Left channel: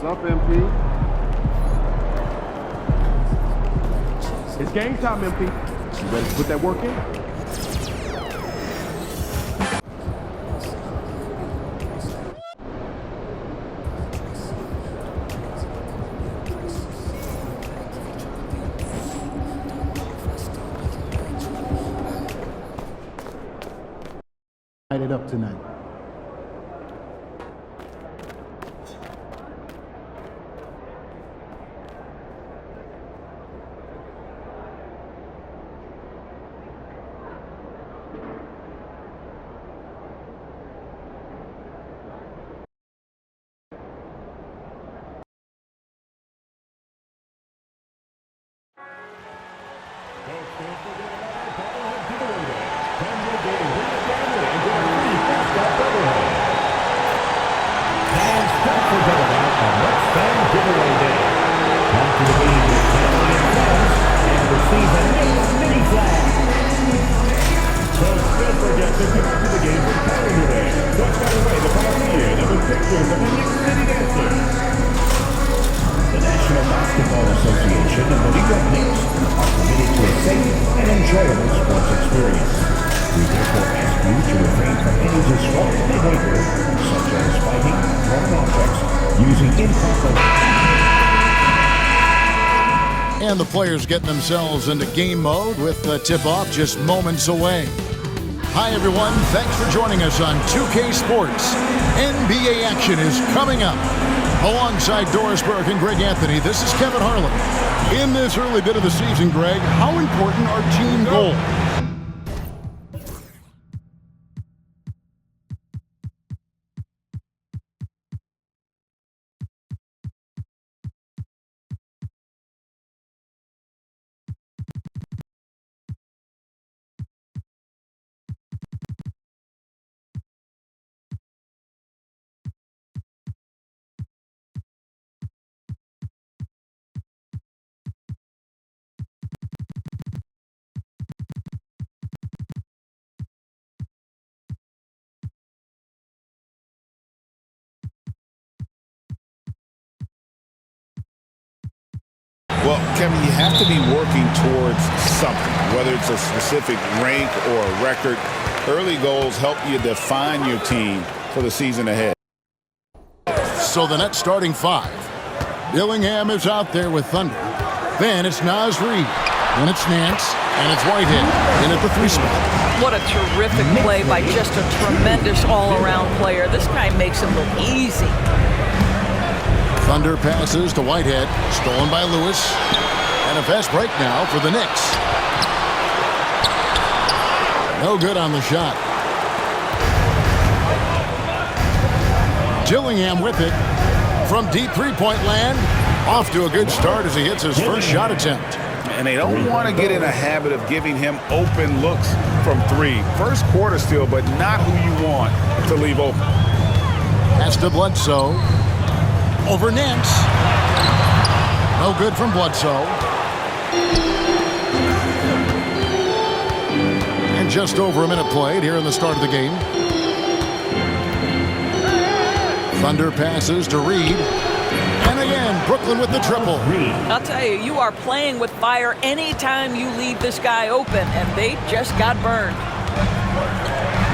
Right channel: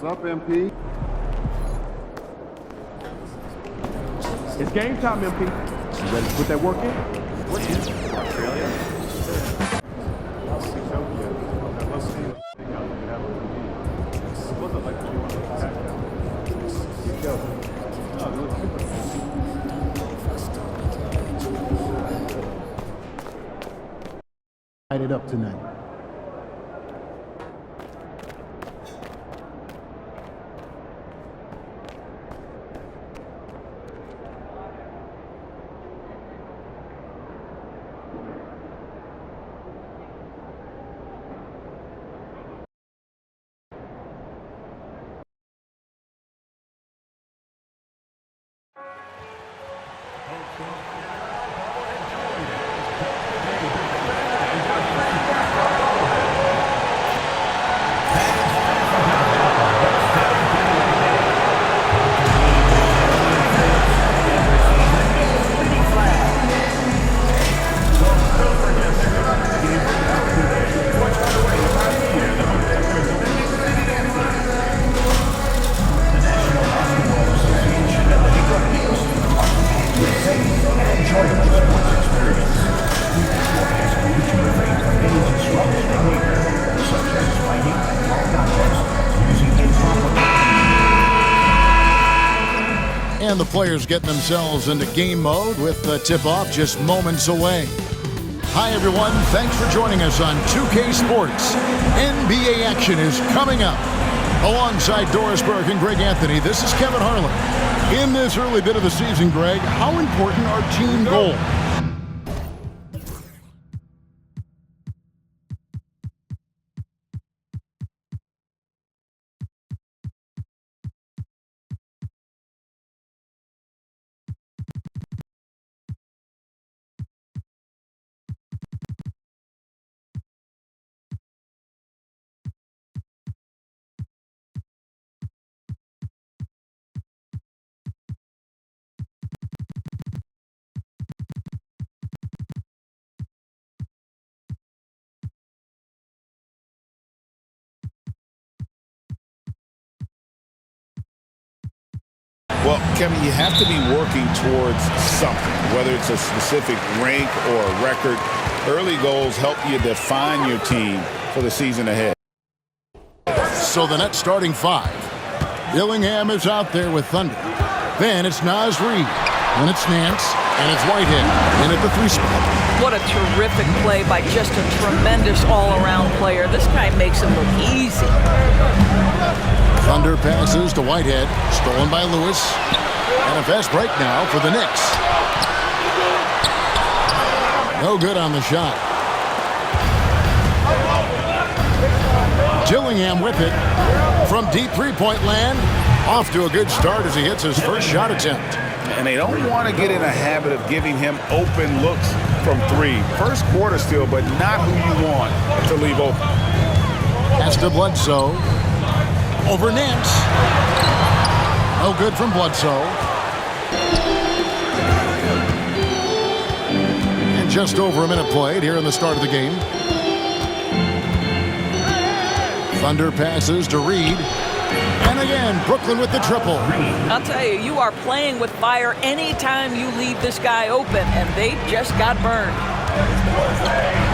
What's up, MP? It's game time, MP. You ready to put that work in? Light it up tonight. And the players getting themselves into game mode with the tip-off just moments away. Hi, everyone. Thanks for joining us on 2K Sports. NBA action is coming up. Alongside Doris Burke and Greg Anthony, this is Kevin Harlan. In this early bit of the season, Greg, how important are team goals? Well, Kevin, you have to be working towards something, whether it's a specific rank or a record. Early goals help you define your team for the season ahead. So the net starting five. Dillingham is out there with Thunder. Then it's Naz Reid. Then it's Nance. And it's Whitehead in at the 3 spot. What a terrific play by just a tremendous all-around player. This guy makes him look easy. Thunder passes to Whitehead, stolen by Lewis. And a fast break now for the Knicks. No good on the shot. Dillingham with it from deep three-point land. Off to a good start as he hits his first shot attempt. And they don't want to get in a habit of giving him open looks from 3. First quarter still, but not who you want to leave open. Pass to Bledsoe. Over Nance. No good from Bledsoe. And just over a minute played here in the start of the game. Thunder passes to Reid. And again, Brooklyn with the triple. I'll tell you, you are playing with fire anytime you leave this guy open, and they just got burned.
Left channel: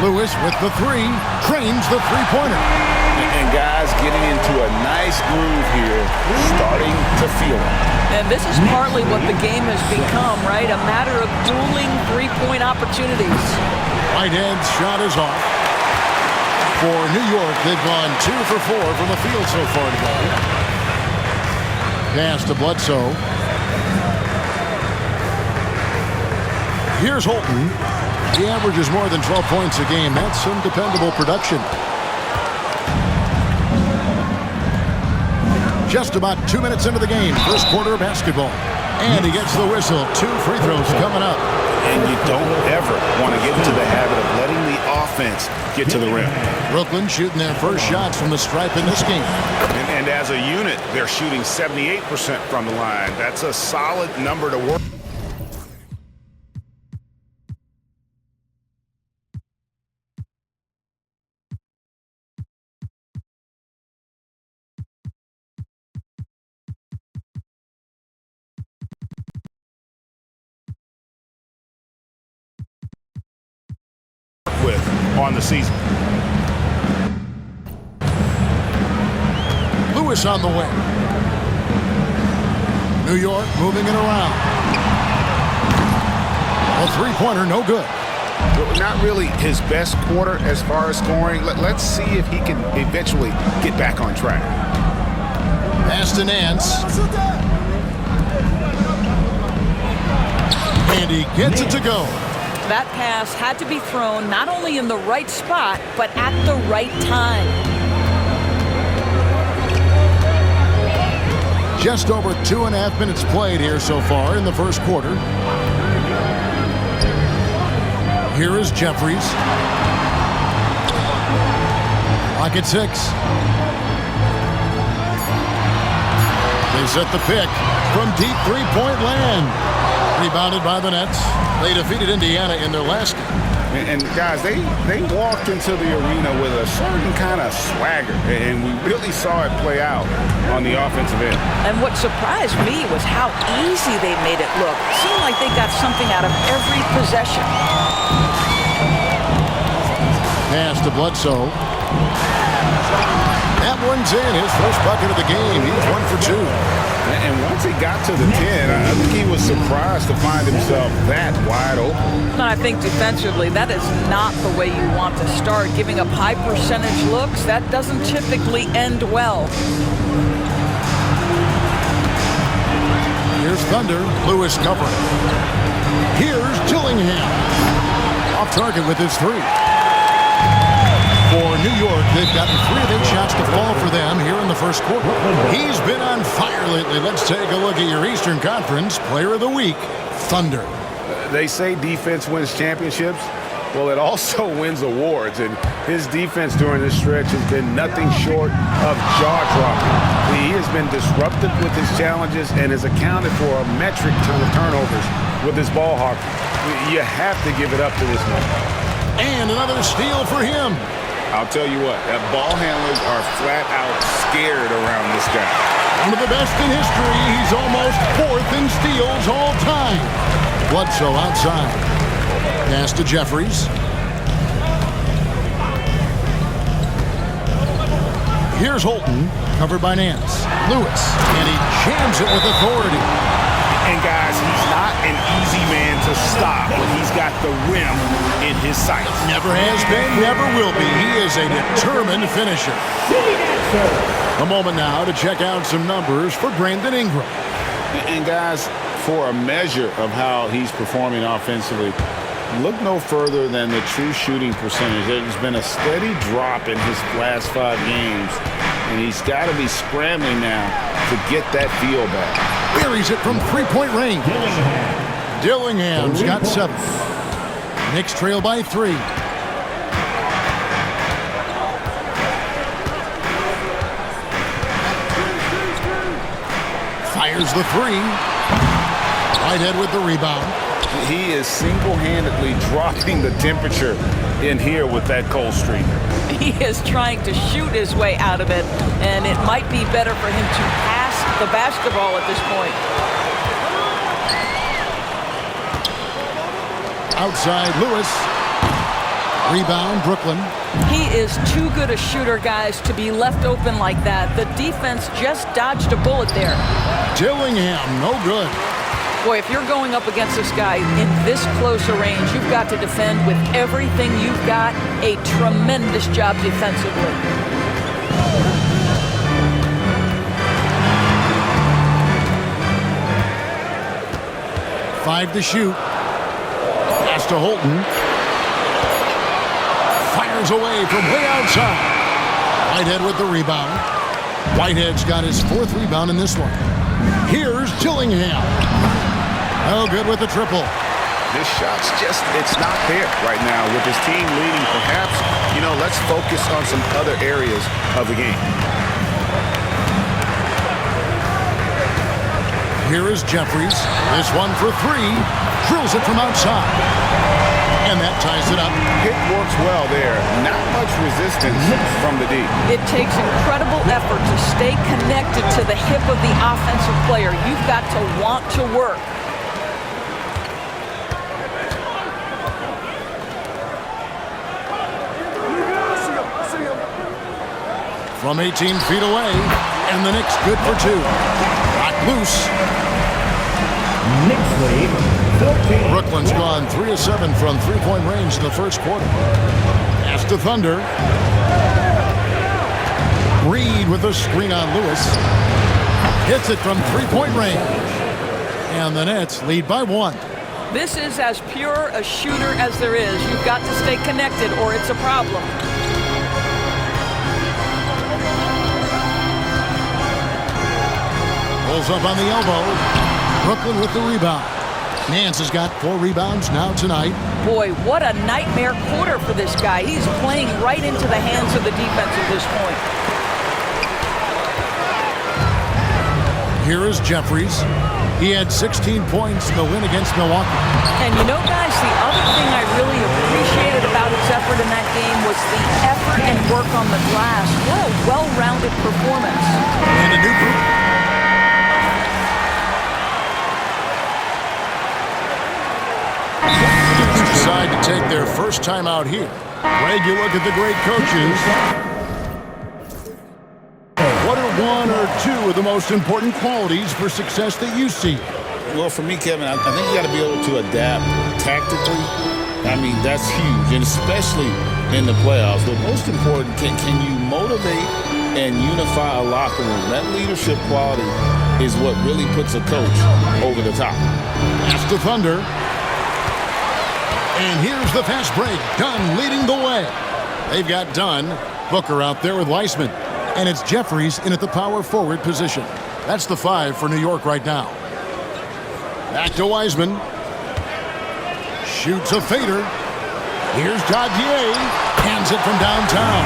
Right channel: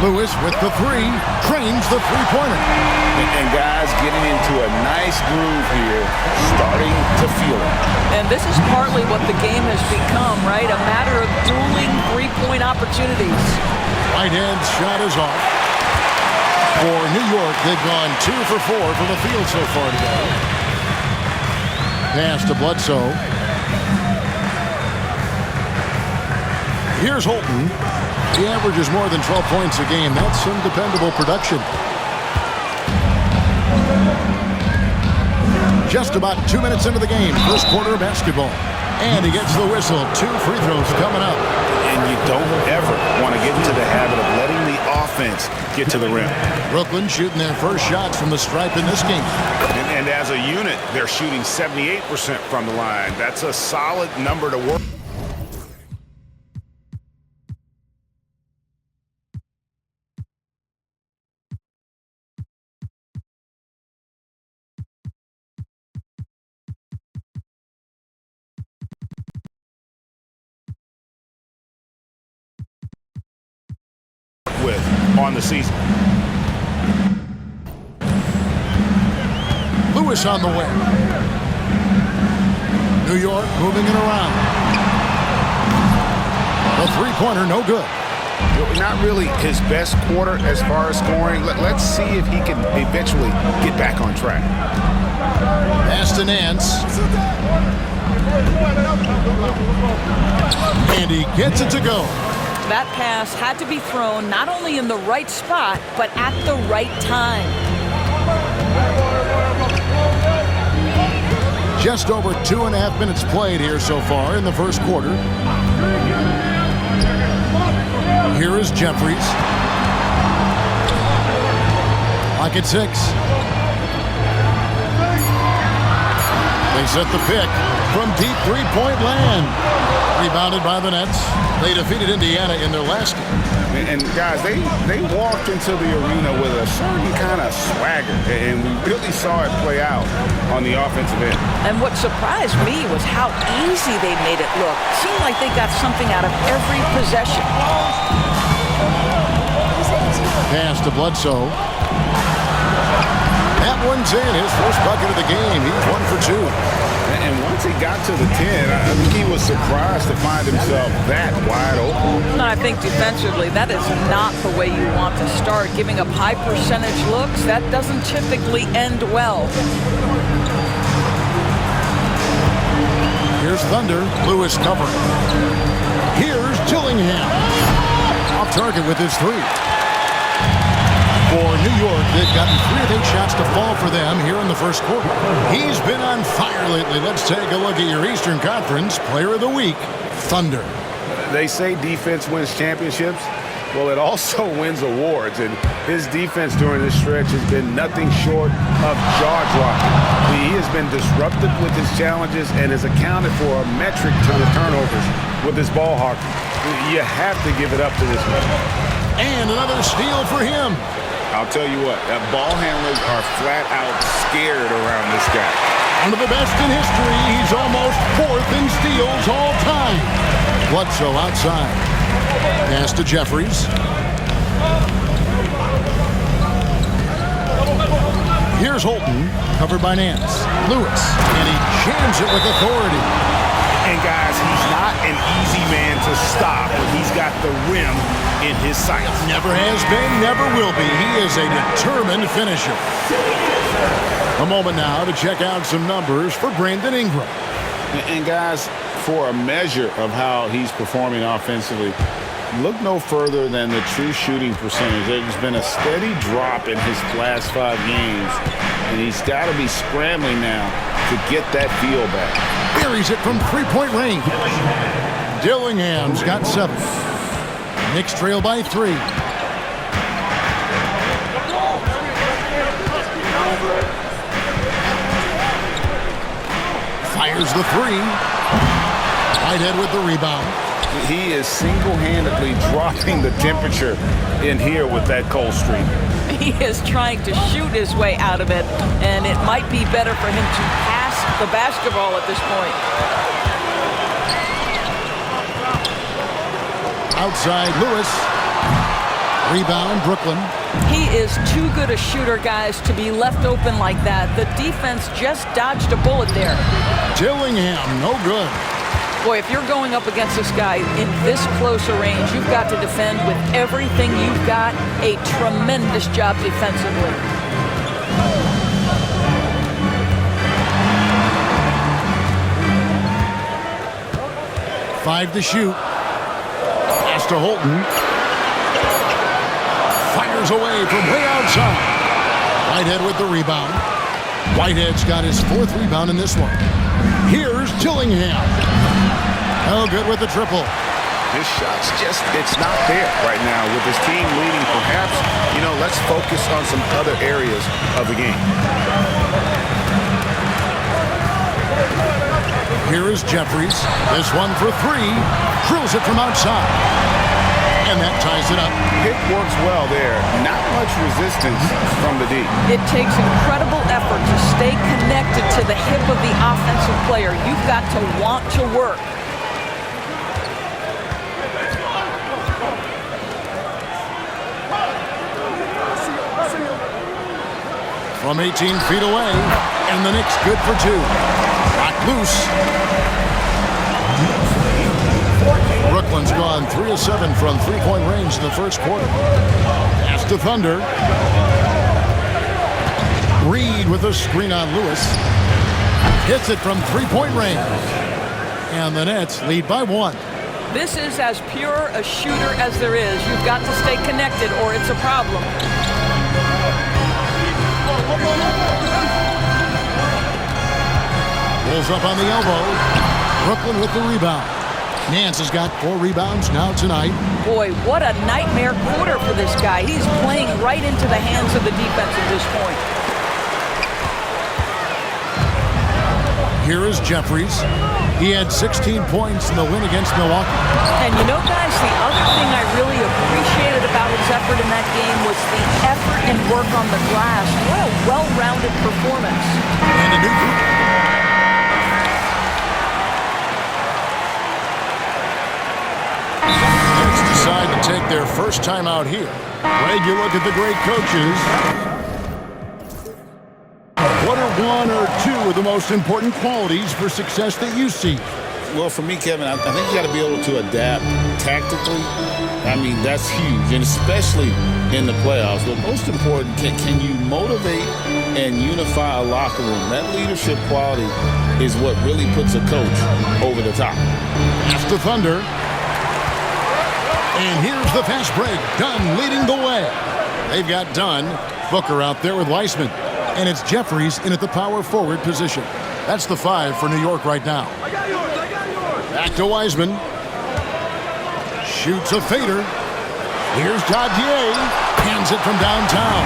Lewis with the 3, trains the three-pointer. And guys getting into a nice groove here, starting to feel it. And this is partly what the game has become, right? A matter of dueling three-point opportunities. Whitehead's shot is off. For New York, they've gone 2 for 4 from the field so far today. Pass to Bledsoe. Here's Holton. He averages more than 12 points a game. That's some dependable production. Just about 2 minutes into the game. First quarter of basketball. And he gets the whistle. 2 free throws coming up. And you don't ever want to get into the habit of letting the offense get to the rim. Brooklyn shooting their first shots from the stripe in this game. And as a unit, they're shooting 78% from the line. That's a solid number to work. on the season. Lewis on the way. New York moving it around. A three-pointer, no good. Not really his best quarter as far as scoring. Let's see if he can eventually get back on track. Pass to Nance. And he gets it to go. That pass had to be thrown not only in the right spot, but at the right time. Just over 2.5 minutes played here so far in the first quarter. Here is Jeffries. Clock at 6. They set the pick from deep three-point land. Rebounded by the Nets. They defeated Indiana in their last game. And guys, they walked into the arena with a certain kind of swagger, and we really saw it play out on the offensive end. And what surprised me was how easy they made it look. Seemed like they got something out of every possession. Pass to Bledsoe. That one's in. His first bucket of the game. He's 1 for 2. And once he got to the 10, I think he was surprised to find himself that wide open. And I think defensively, that is not the way you want to start. Giving up high percentage looks, that doesn't typically end well. Here's Thunder. Lewis covering. Here's Dillingham. Off target with his 3. For New York, they've gotten 3 of 8 shots to fall for them here in the first quarter. He's been on fire lately. Let's take a look at your Eastern Conference Player of the Week, Thunder. They say defense wins championships. Well, it also wins awards, and his defense during this stretch has been nothing short of jaw-dropping. He has been disruptive with his challenges and has accounted for a metric ton of turnovers with his ball hockey. You have to give it up to this man. And another steal for him. I'll tell you what, ball handlers are flat out scared around this guy. One of the best in history. He's almost 4th in steals all time. Bledsoe outside. Pass to Jeffries. Here's Holton, covered by Nance. Lewis, and he jams it with authority. And guys, he's not an easy man to stop when he's got the rim in his sights. Never has been, never will be. He is a determined finisher. A moment now to check out some numbers for Brandon Ingram. And guys, for a measure of how he's performing offensively, look no further than the true shooting percentage. There's been a steady drop in his last 5 games, and he's got to be scrambling now to get that feel back. Buries it from three-point range. Dillingham's got 7. Knicks trail by 3. Fires the 3. Whitehead with the rebound. He is single-handedly dropping the temperature in here with that cold streak. He is trying to shoot his way out of it, and it might be better for him to pass the basketball at this point. Outside Lewis. Rebound Brooklyn. He is too good a shooter, guys, to be left open like that. The defense just dodged a bullet there. Dillingham, no good. Boy, if you're going up against this guy in this close a range, you've got to defend with everything you've got. A tremendous job defensively. Five to shoot. Pass to Holton. Fires away from way outside. Whitehead with the rebound. Whitehead's got his 4th rebound in this one. Here's Dillingham. Oh, good with the triple. His shot's just, it's not there right now. With his team leading, perhaps, let's focus on some other areas of the game. Here is Jeffries. This one for 3. Drills it from outside. And that ties it up. It works well there. Not much resistance from the D. It takes incredible effort to stay connected to the hip of the offensive player. You've got to want to work. from 18 feet away. And the Knicks good for two. Knocked loose. Knicks lead 14. Brooklyn's gone 3 of 7 from three-point range in the first quarter. Pass to Thunder. Reed with a screen on Lewis. Hits it from three-point range. And the Nets lead by 1. This is as pure a shooter as there is. You've got to stay connected or it's a problem. Pulls up on the elbow. Brooklyn with the rebound. Nance has got 4 rebounds now tonight. Boy, what a nightmare quarter for this guy. He's playing right into the hands of the defense at this point. Here is Jeffries. He had 16 points in the win against Milwaukee. And you know, guys, the other thing I really appreciated about his effort in that game was the effort and work on the glass. What a well-rounded performance. And a new group. Knicks decide to take their first time out here. Greg, you look at the great coaches. What are 1 or 2 of the most important qualities for success that you see? Well, for me, Kevin, I think you got to be able to adapt tactically. I mean, that's huge, and especially in the playoffs. But most important, can you motivate and unify a locker room? That leadership quality is what really puts a coach over the top. Pass to Thunder. And here's the fast break. Dunn leading the way. They've got Dunn. Booker out there with Weissman. And it's Jeffries in at the power forward position. That's the 5 for New York right now. Back to Weissman. Shoots a fader. Here's Dadier. Hands it from downtown.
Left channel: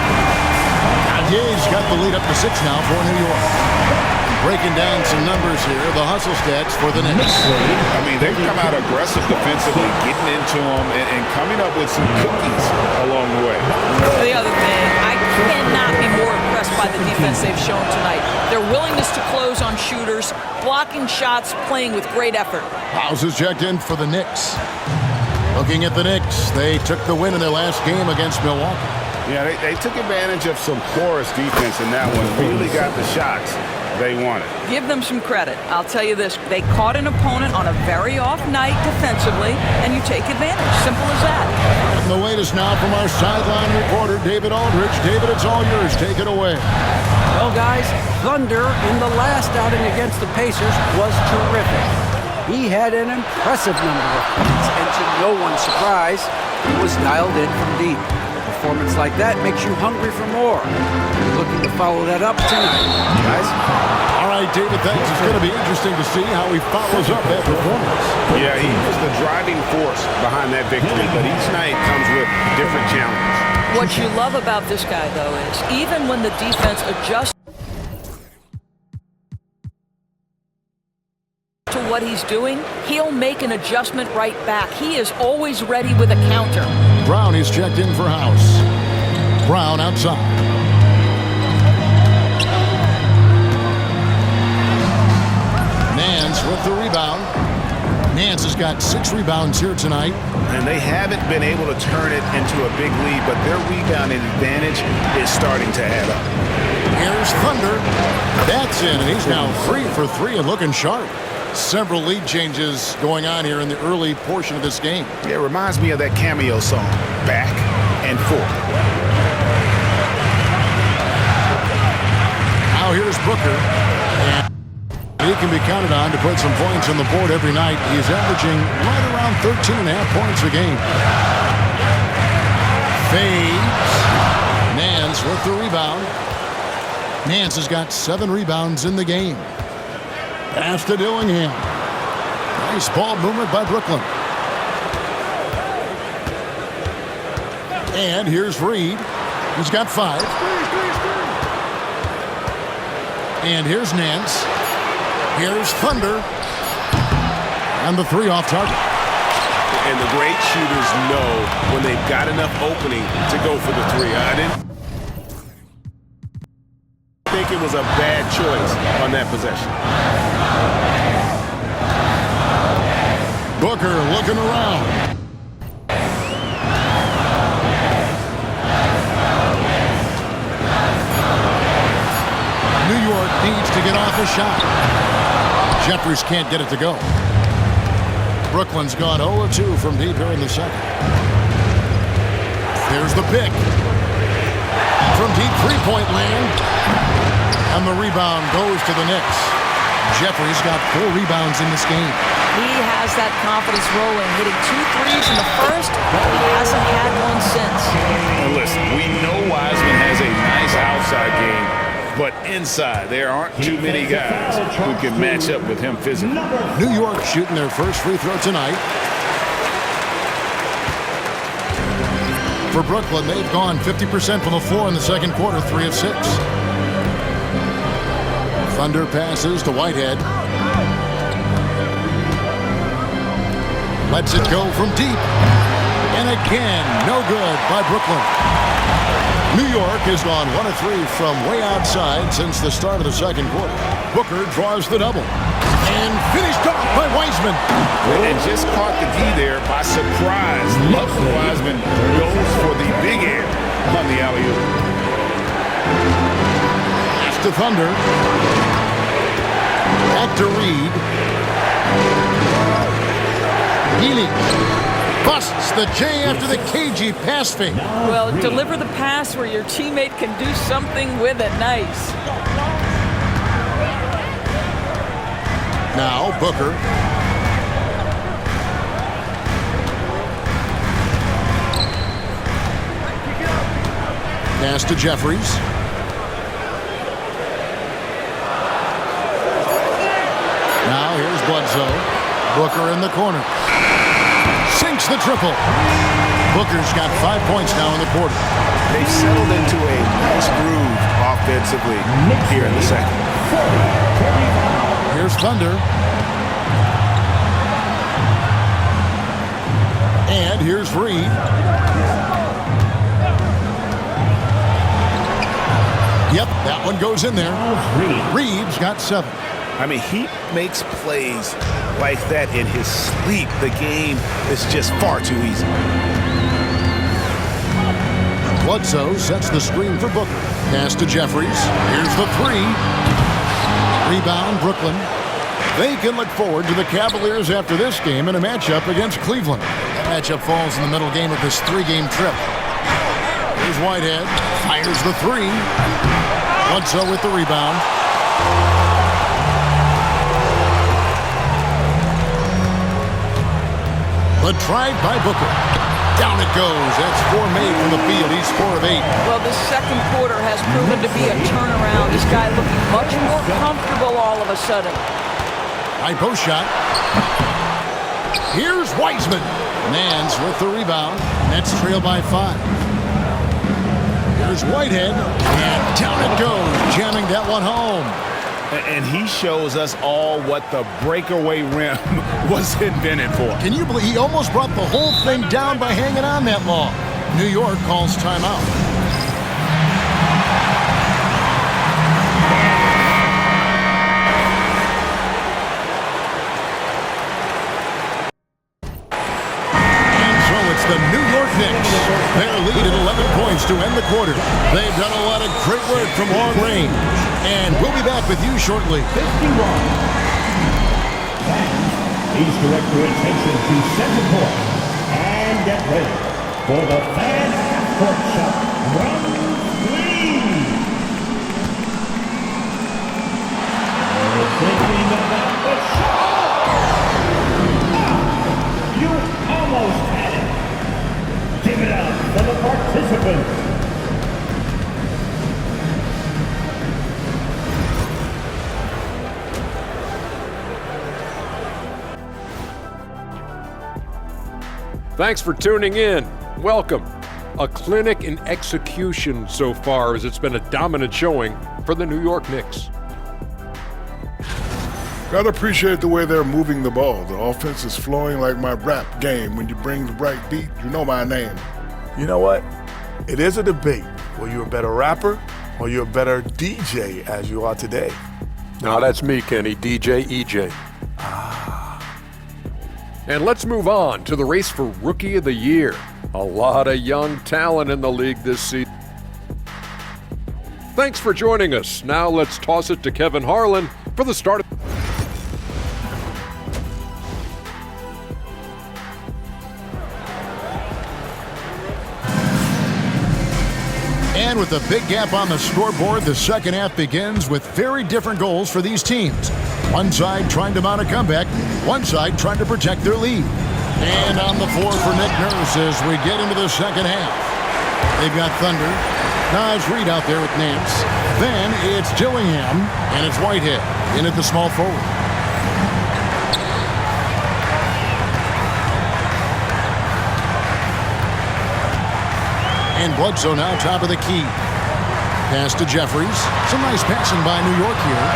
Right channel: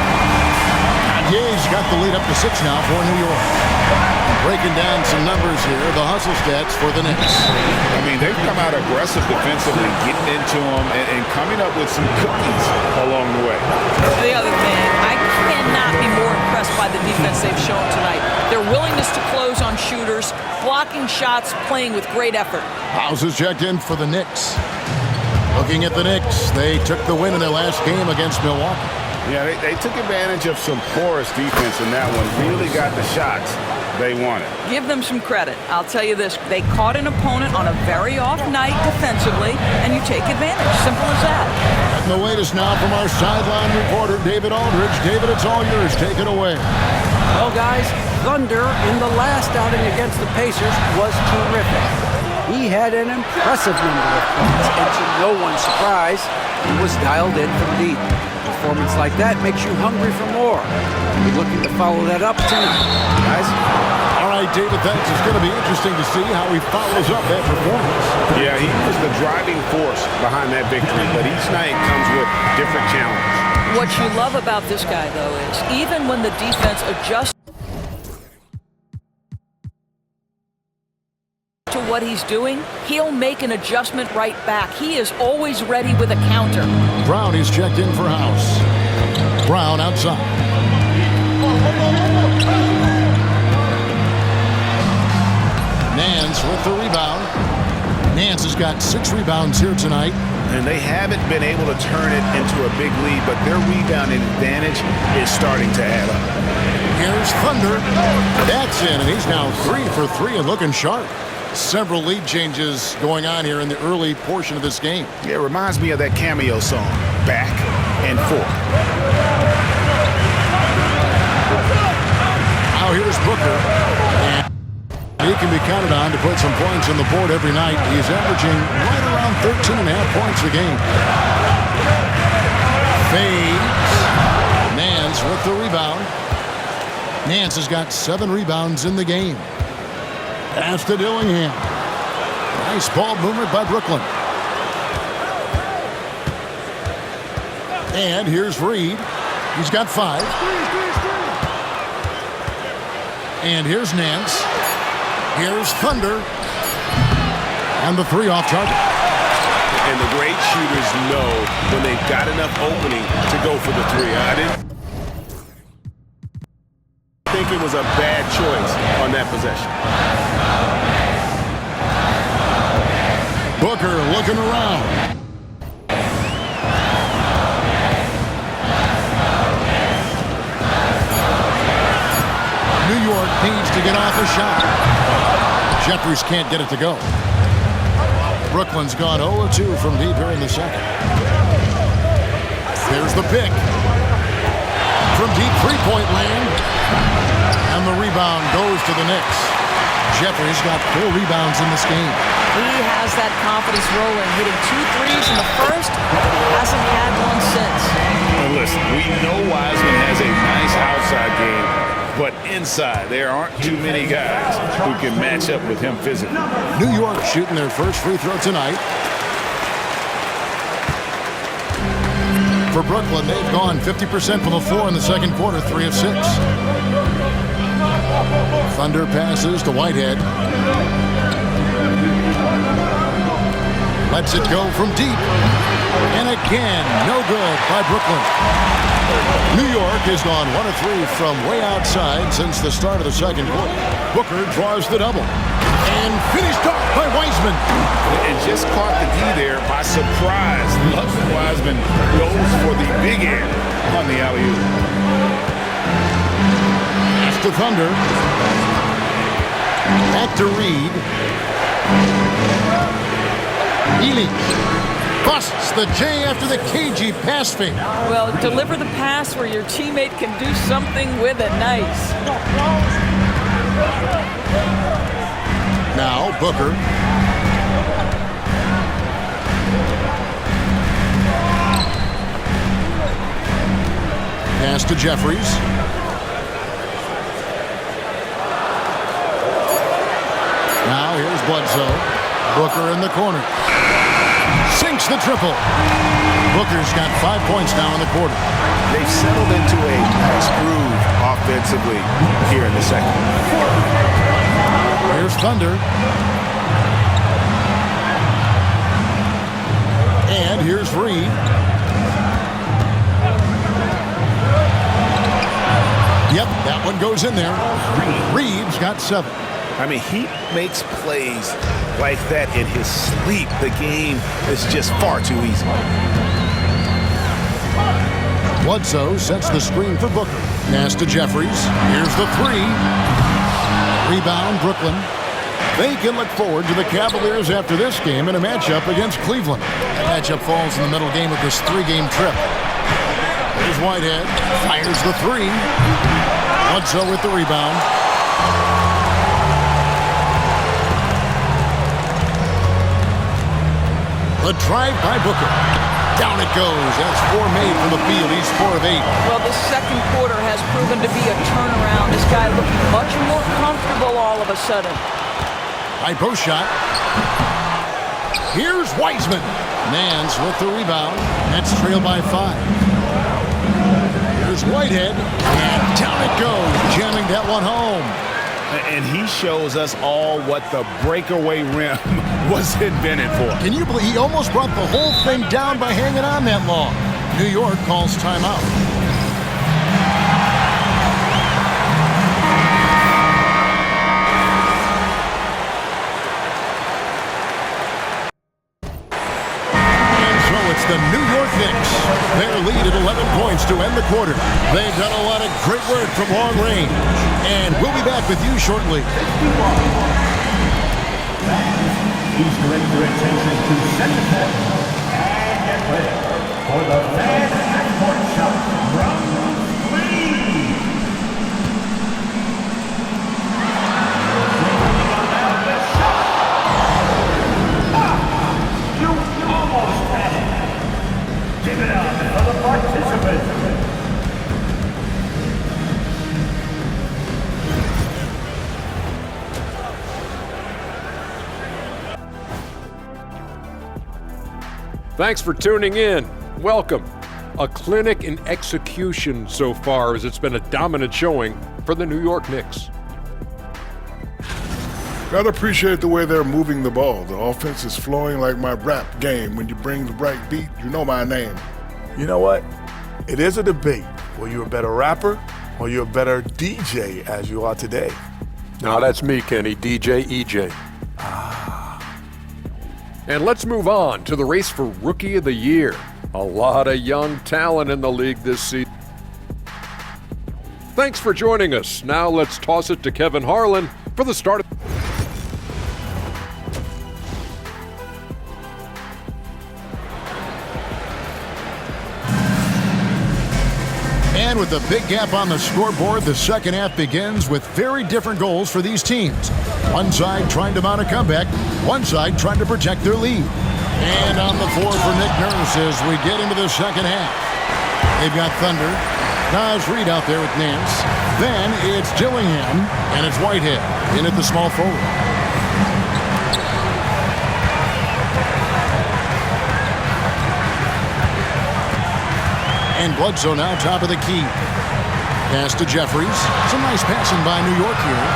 Dadier's got the lead up to 6 now for New York. Breaking down some numbers here, the hustle stats for the Knicks. I mean, they've come out aggressive defensively, getting into them and coming up with some cookies along the way. The other thing, I cannot be more impressed by the defense they've shown tonight. Their willingness to close on shooters, blocking shots, playing with great effort. House is checked in for the Knicks. Looking at the Knicks, they took the win in their last game against Milwaukee. Yeah, they took advantage of some porous defense in that one, really got the shots they wanted. Give them some credit. I'll tell you this, they caught an opponent on a very off night defensively, and you take advantage. Simple as that. And the latest now from our sideline reporter, David Aldridge. David, it's all yours. Take it away. Well, guys, Thunder in the last outing against the Pacers was terrific. He had an impressive number of points, and to no one's surprise, he was dialed in from deep. A performance like that makes you hungry for more. We're looking to follow that up tonight, guys. All right, David, thanks. It's going to be interesting to see how he follows up that performance. Yeah, he was the driving force behind that victory, but each night comes with different challenges. What you love about this guy, though, is even when the defense adjusts to what he's doing, he'll make an adjustment right back. He is always ready with a counter. Brown is checked in for House. Brown outside. Nance with the rebound. Nance has got 6 rebounds here tonight. And they haven't been able to turn it into a big lead, but their rebounding advantage is starting to add up. Here's Thunder. That's in, and he's now 3 for 3 and looking sharp. Several lead changes going on here in the early portion of this game. Yeah, it reminds me of that Cameo song, Back and Forth. Now here's Booker. And he can be counted on to put some points on the board every night. He's averaging right around 13.5 points a game. Fades. Nance with the rebound. Nance has got 7 rebounds in the game. Pass to Dillingham. Nice ball movement by Brooklyn. And here's Reed. He's got 5. And here's Nance. Here's Thunder. And the 3 off target. And the great shooters know when they've got enough opening to go for the 3. I didn't think it was a bad choice on that possession. Booker looking around. needs to get off a shot. Jeffries can't get it to go. Brooklyn's gone 0-2 from deep here in the second. There's the pick. From deep three-point land. And the rebound goes to the Knicks. Jeffries got 4 rebounds in this game. He has that confidence rolling, hitting 2 threes in the first, but he hasn't had one since. And listen, we know Wiseman has a nice outside game, but inside there aren't too many guys who can match up with him physically. New York shooting their first free throw tonight. For Brooklyn, they've gone 50% from the floor in the second quarter, 3 of 6. Thunder passes to Whitehead. Lets it go from deep. And again, no good by Brooklyn. New York has gone 1 of 3 from way outside since the start of the second quarter. Booker draws the double. And finished off by Wiseman. And just caught the D there by surprise. Love when Wiseman goes for the big air on the alley-oop. Pass to Thunder. Back to Reed. Healy busts the J after the cagey pass fake. Well, deliver the pass where your teammate can do something with it. Nice. Now Booker. Pass to Jeffries. Now here's Bledsoe. Booker in the corner. Sinks the triple. Booker's got 5 points now in the quarter. They've settled into a nice groove offensively here in the second. Here's Thunder. And here's Reed. Yep, that one goes in there. Reed's got 7. I mean, he makes plays like that in his sleep. The game is just far too easy. Bledsoe sets the screen for Booker. Pass to Jeffries. Here's the 3. Rebound, Brooklyn. They can look forward to the Cavaliers after this game in a matchup against Cleveland. That matchup falls in the middle game of this 3-game trip. Here's Whitehead. Fires the 3. Bledsoe with the rebound. The drive by Booker. Down it goes. That's 4 made from the field. He's 4 of 8. Well, this second quarter has proven to be a turnaround. This guy looking much more comfortable all of a sudden. High post shot. Here's Wiseman. Nance with the rebound. Nets trail by 5. Here's Whitehead. And down it goes. Jamming that one home. And he shows us all what the breakaway rim was invented for. Can you believe he almost brought the whole thing down by hanging on that long? New York calls timeout. And so it's the New York Knicks. Their lead at 11 points to end the quarter. They've done a lot of great work from long range. And we'll be back with you shortly. Please direct your attention to second court and get ready for the fan half-court shot. Run, please. Thinking about the shot. Ah, you almost had it. Give it up for the participants. Thanks for tuning in. Welcome. A clinic in execution so far, as it's been a dominant showing for the New York Knicks. Gotta appreciate the way they're moving the ball. The offense is flowing like my rap game. When you bring the right beat, you know my name. You know what? It is a debate. Were you a better rapper or you a better DJ as you are today? Now that's me, Kenny, DJ EJ. And let's move on to the race for Rookie of the Year. A lot of young talent in the league this season. Thanks for joining us. Now let's toss it to Kevin Harlan for the start. And with a big gap on the scoreboard, the second half begins with very different goals for these teams. One side trying to mount a comeback, one side trying to protect their lead. And on the floor for Nick Nurse as we get into the second half. They've got Thunder. Naz Reid out there with Nance. Then it's Dillingham, and it's Whitehead in at the small forward. And Bledsoe now top of the key. Pass to Jeffries. Some nice passing by New York here.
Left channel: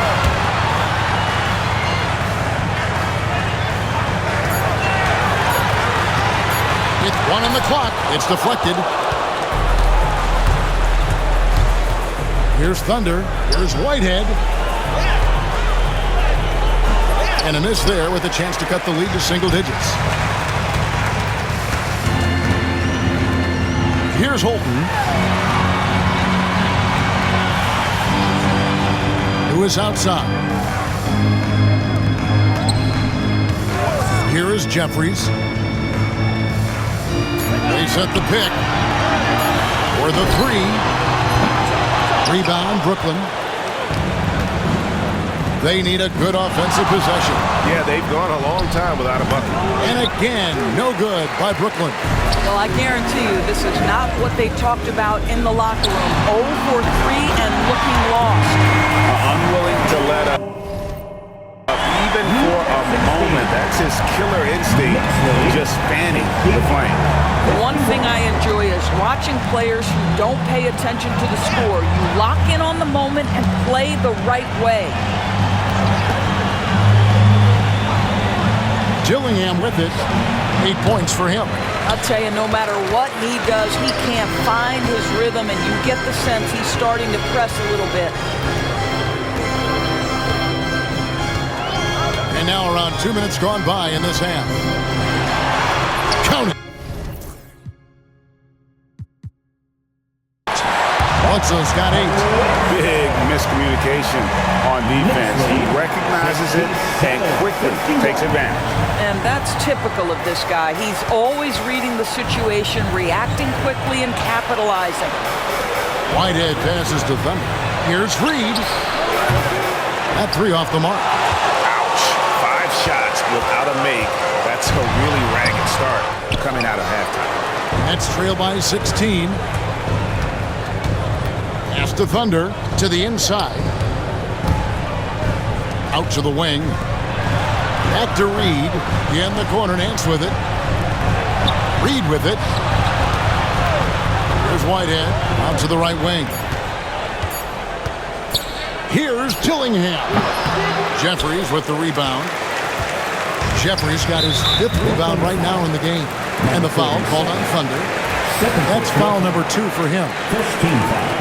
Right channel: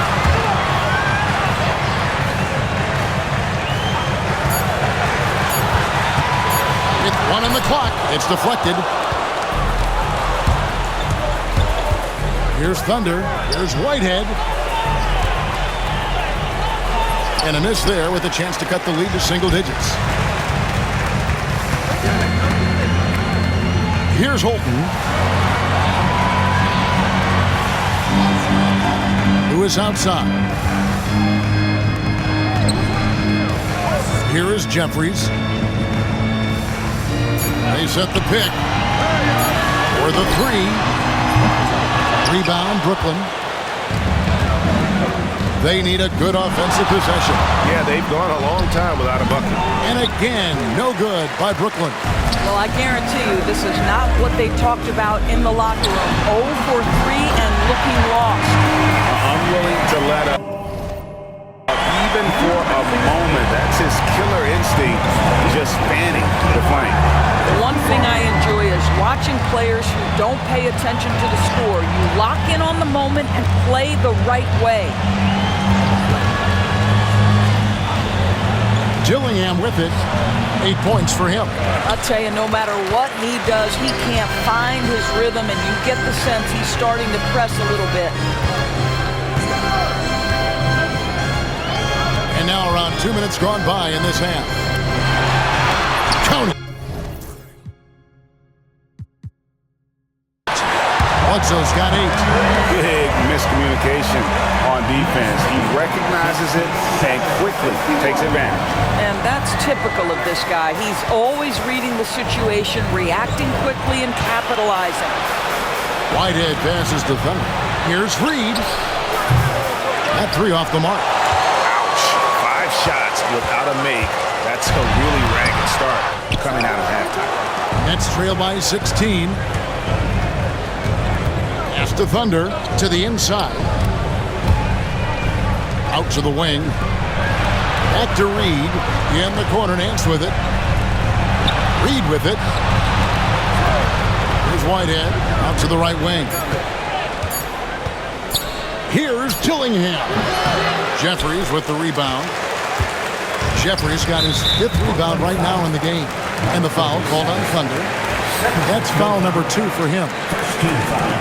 With 1 on the clock, it's deflected. Here's Thunder. Here's Whitehead. And a miss there with a chance to cut the lead to single digits. Here's Holton, who is outside. Here is Jeffries. They set the pick for the 3. Rebound, Brooklyn. They need a good offensive possession. Yeah, they've gone a long time without a bucket. And again, no good by Brooklyn. Well, I guarantee you this is not what they talked about in the locker room. 0 for 3 and looking lost. Unwilling to let up even for a moment. That's his killer instinct, just fanning the flame. The one thing I enjoy is watching players who don't pay attention to the score. You lock in on the moment and play the right way. Dillingham with it. 8 points for him. I'll tell you, no matter what he does, he can't find his rhythm, and you get the sense he's starting to press a little bit. And now around 2 minutes gone by in this half. Count it. Bledsoe's got 8. Big miscommunication on defense. He recognizes it and quickly takes advantage. And that's typical of this guy. He's always reading the situation, reacting quickly, and capitalizing. Whitehead passes to Thunder. Here's Reid. That 3 off the mark. Ouch. 5 shots without a make. That's a really ragged start coming out of halftime. Nets trail by 16. Pass to Thunder to the inside. Out to the wing. Back to Reid. In the corner, Nance with it. Reid with it. Here's Whitehead. Out to the right wing. Here's Dillingham. Jeffries with the rebound. Jeffries got his 5th rebound right now in the game. And the foul called on Thunder. That's foul number 2 for him. First team foul.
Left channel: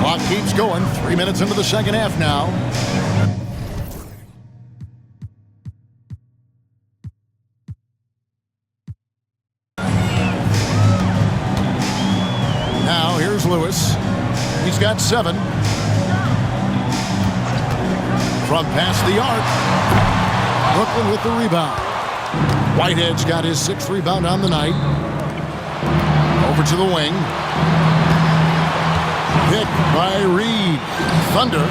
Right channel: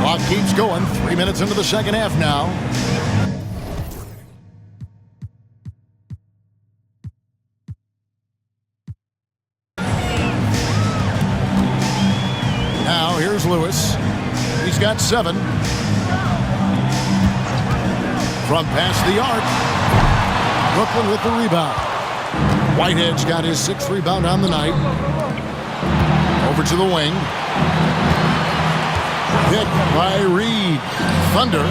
Clock keeps going. 3 minutes into the second half now. Now here's Lewis. He's got 7. From past the arc. Brooklyn with the rebound. Whitehead's got his 6th rebound on the night. Over to the wing. Hit by Reid. Thunder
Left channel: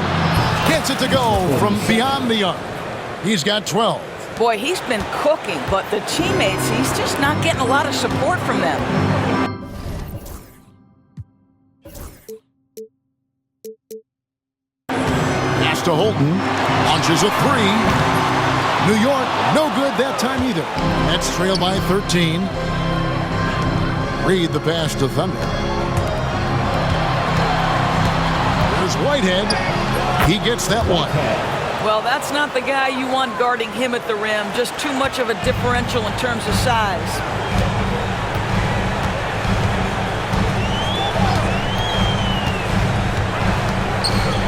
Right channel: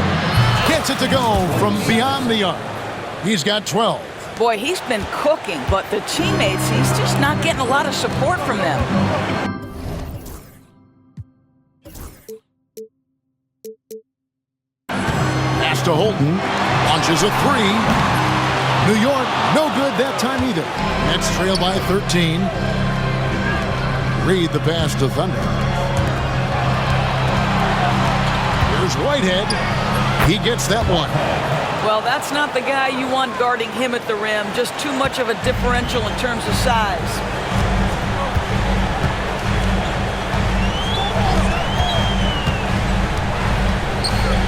gets it to go from beyond the arc. He's got 12. Boy, he's been cooking, but the teammates, he's just not getting a lot of support from them. Pass to Holton. Launches a 3. New York, no good that time either. Nets trail by 13. Reid the pass to Thunder. Here's Whitehead. He gets that one. Well, that's not the guy you want guarding him at the rim. Just too much of a differential in terms of size.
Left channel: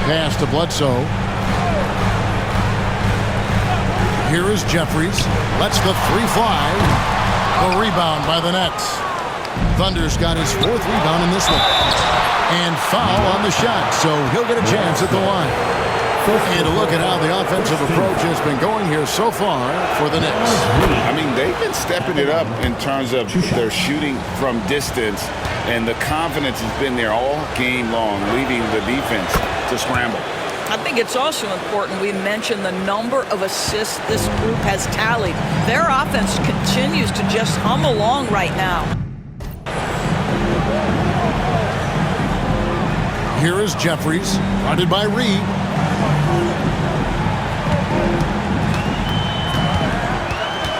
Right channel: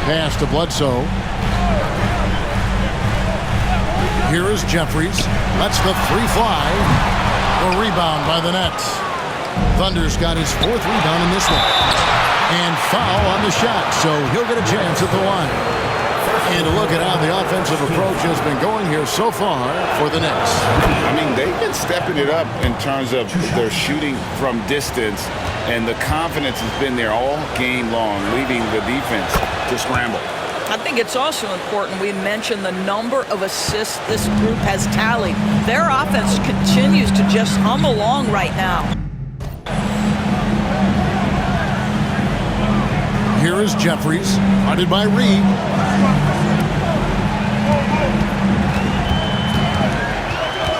Pass to Bledsoe. Here is Jeffries. Lets the 3 fly. The rebound by the Nets. Thunder's got his 4th rebound in this one. And foul on the shot, so he'll get a chance at the line. And a look at how the offensive approach has been going here so far for the Knicks. I mean, they've been stepping it up in terms of their shooting from distance, and the confidence has been there all game long, leaving the defense to scramble. I think it's also important we mention the number of assists this group has tallied. Their offense continues to just hum along right now. Here is Jeffries, guarded by Reed.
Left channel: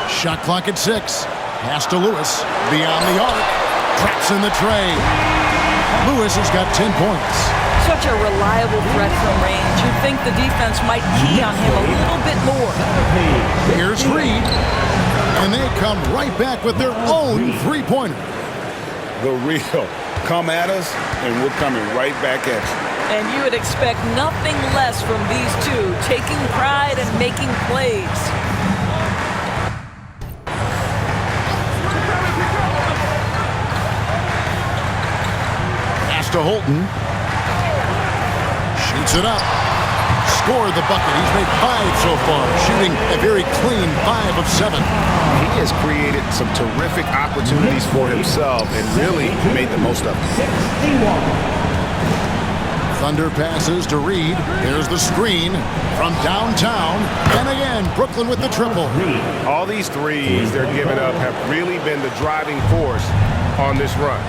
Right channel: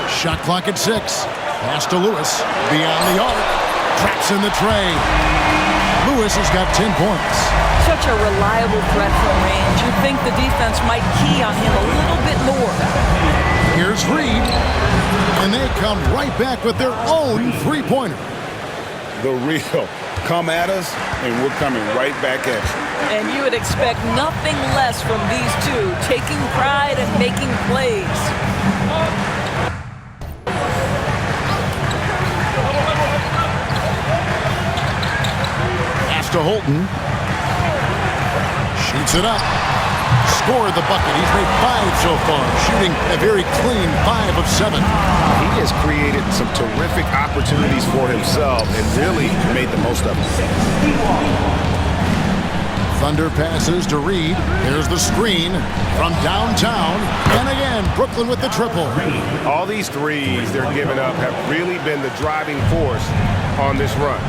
Shot clock at 6. Pass to Lewis. Beyond the arc. Traps in the tray. Lewis has got 10 points. Such a reliable threat from range. You'd think the defense might key on him a little bit more. Here's Reed. And they come right back with their own three-pointer. The real. Come at us, and we're coming right back at you. And you would expect nothing less from these two, taking pride and making plays. Pass to Holton. Shoots it up. Scored the bucket. He's made 5 so far, shooting a very clean 5 of 7. He has created some terrific opportunities for himself and really made the most of them. Thunder passes to Reed. There's the screen from downtown. And again, Brooklyn with the triple. All these threes they're giving up have really been the driving force on this run.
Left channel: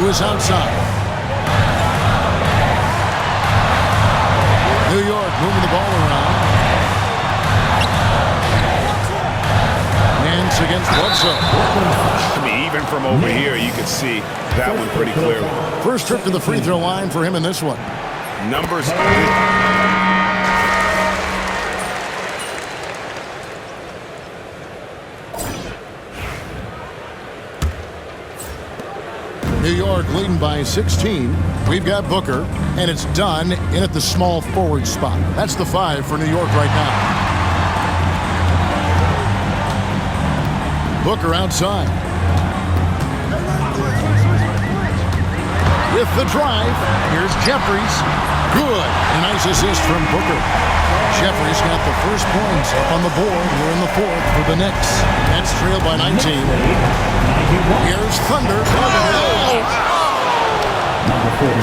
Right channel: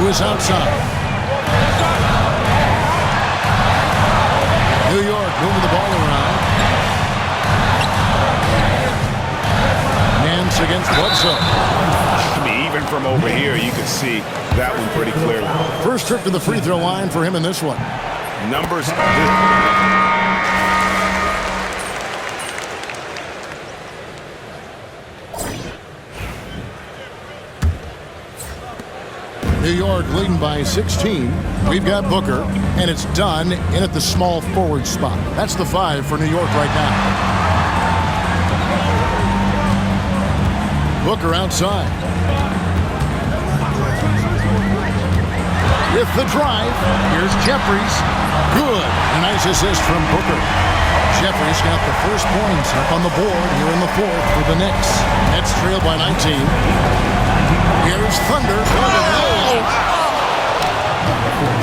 Lewis outside. New York moving the ball around. Nance against Bledsoe. I mean, even from over here, you could see that one pretty clearly. First trip to the free throw line for him in this one. Numbers. New York leading by 16. We've got Booker, and it's done in at the small forward spot. That's the 5 for New York right now. Booker outside. With the drive, here's Jeffries. Good. And a nice assist from Booker. Jeffries got the first points up on the board here in the 4th for the Knicks. Nets trailed by 19. Here's Thunder.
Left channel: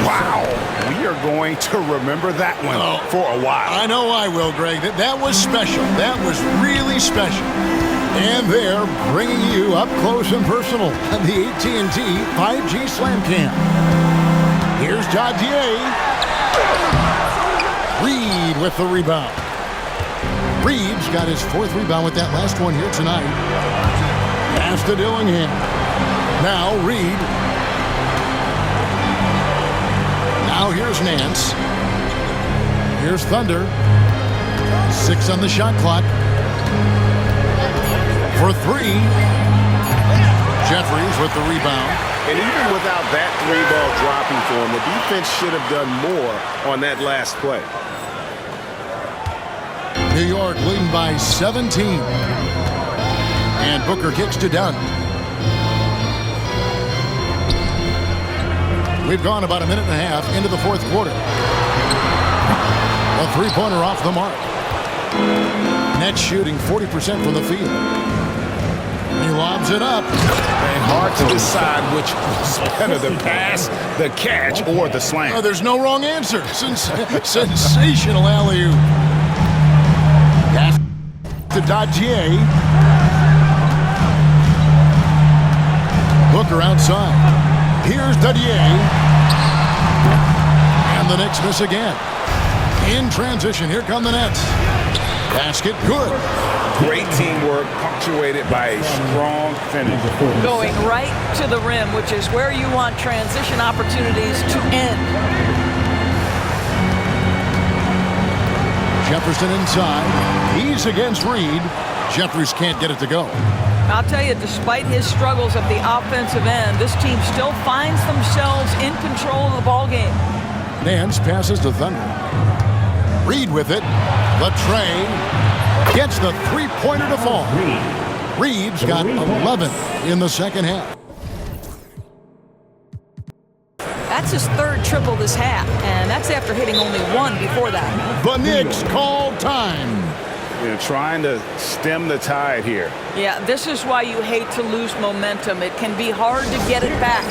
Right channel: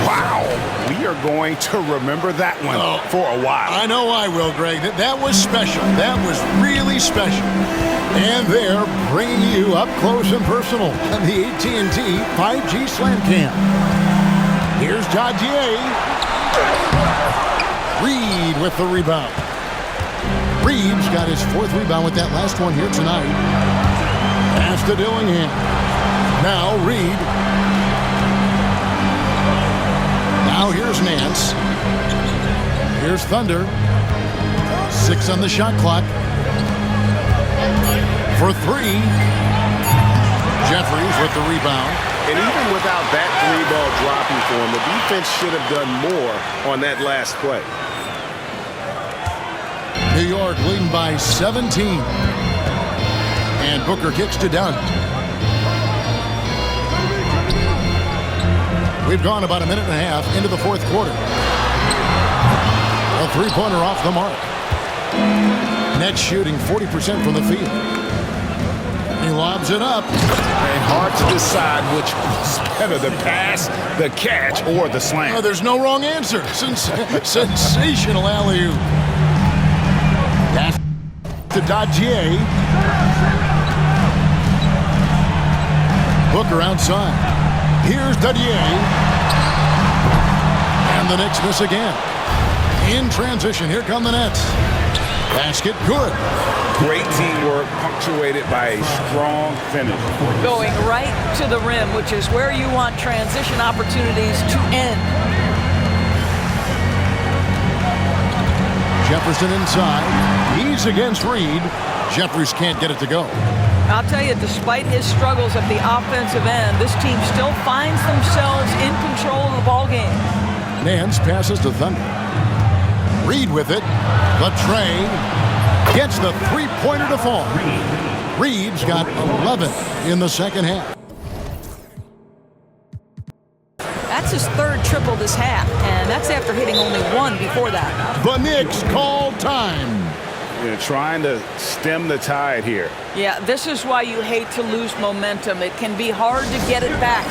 Wow. We are going to remember that one for a while. I know I will, Greg. That was special. That was really special. And they're bringing you up close and personal on the AT&T 5G Slam Cam. Here's Dadier. Reed with the rebound. Reed's got his 4th rebound with that last one here tonight. Pass to Dillingham. Now Reed. Now here's Nance. Here's Thunder. 6 on the shot clock. For 3. Jeffries with the rebound. And even without that 3-ball dropping for him, the defense should have done more on that last play. New York leading by 17. And Booker kicks to Dunn. We've gone about a minute and a half into the 4th quarter. A 3-pointer off the mark. Nets shooting 40% from the field. He lobs it up. And hard to decide which was better, the pass, the catch, or the slam. Oh, there's no wrong answer. Sensational alley-oop. Pass to Dadier. Booker outside. Here's Dadier. And the Knicks miss again. In transition, here come the Nets. Basket good. Great teamwork, punctuated by a strong finish. Going right to the rim, which is where you want transition opportunities to end. Jefferson inside. He's against Reed. Jeffries can't get it to go. I'll tell you, despite his struggles at the offensive end, this team still finds themselves in control of the ball game. Nance passes to Thunder. Reed with it. The tray. Gets the 3-pointer to fall. Reeves got 11 in the second half. That's his third triple this half, and that's after hitting only one before that. The Knicks call time. They're trying to stem the tide here. Yeah, this is why you hate to lose momentum. It can be hard to get it back.